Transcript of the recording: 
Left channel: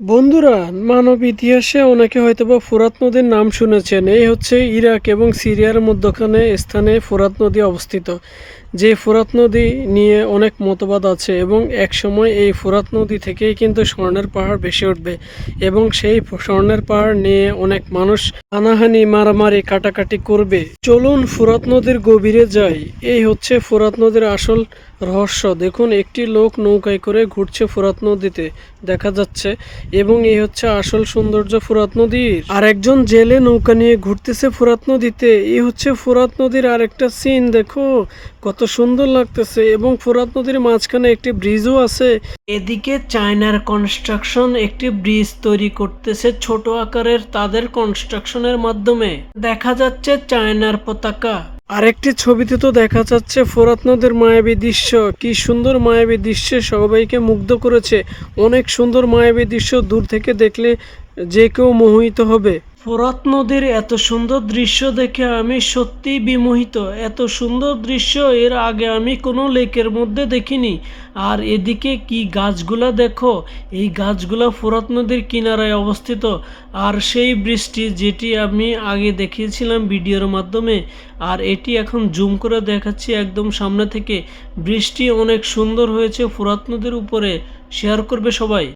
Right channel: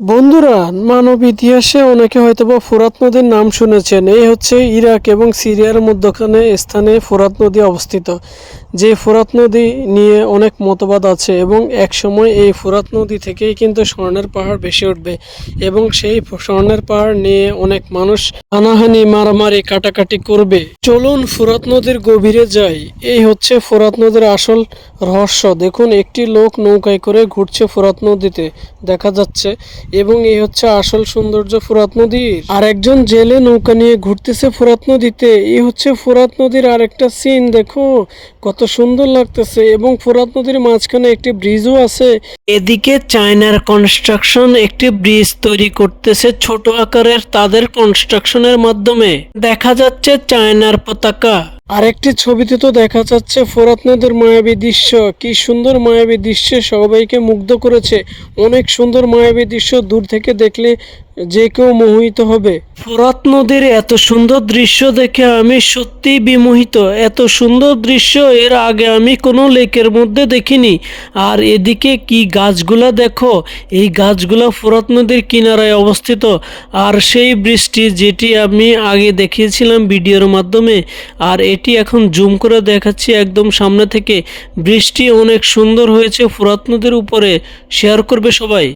বন্ধুরা, মানব ইতিহাসে অনেকে হয়তোবা ফোরাত নদীর নাম শুনেছেন। এই হচ্ছে ইরাক এবং সিরিয়ার মধ্যখানে স্থানে ফোরাত নদী অবস্থিত। যে ফোরাত নদী নিয়ে অনেক মতবাদ আছে এবং এক সময় এই ফোরাত নদী থেকেই কিন্তু স্বর্ণের পাহাড় ভেসে উঠবে এবং সেই স্বর্ণের পাহাড় নিয়ে অনেক মানুষ হানাহানি, মারামারি, কাটাকাটি করবে। চলুন ফোরাত নদীর গভীরে যাই। এই হচ্ছে ফোরাত নদীর আসল রহস্য। দেখুন, একটি লোক নৌকায় করে ঘুরছে ফোরাত নদীতে। দেখা যাচ্ছে এবং এই হচ্ছে আসল সৌন্দর্য ফোরাত নদীর। আর একজন জেলে নৌকা নিয়ে ঘুরতেছে ফোরাত নদীতে। এই হচ্ছে ফোরাত নদীর আর একটা সিন দেখো। কত সুন্দর লাগতেছে। এবং ফোরাত নদীর মাঝখানে একটি ব্রিজও আছে। এদিকে চায়নার কনস্ট্রাকশন একটি ব্রিজ তৈরি করতেছে ছোট আকারের তাদের কনস্ট্রাকশনের মাধ্যমে। দেখা যাচ্ছে চায়নার পতাকা। আরেকটি ছবিতে তো দেখা যাচ্ছে ফোরাত নদীর মায়াবী দৃশ্য। কি সুন্দর মায়াবী দৃশ্যে সবাইকে মুগ্ধ করেছে। অনেক সুন্দর মায়াবী দৃশ্য দূর থেকে দেখলে যে কেউ মোহিত হবে। ফোরাত নদীর এত সুন্দর দৃশ্য দেখে আমি সত্যিই বিমোহিত। এত সুন্দর দৃশ্য এর আগে আমি কোনো লেকের মধ্যে দেখিনি। আর এদিকে কি গাছগুলা দেখো? এই গাছগুলা ফোরাত নদীর কিনারায় অবস্থিত। আর সেই বৃষ্টি যেটি আমি আগে দেখিয়েছিলাম ভিডিওর মাধ্যমে, আর এটি এখন জুম করে দেখাচ্ছি একদম সামনে থেকে। বৃষ্টি অনেক সুন্দর হয়েছে ফোরাত নদীর উপরে। শেয়ার করবে সবাই।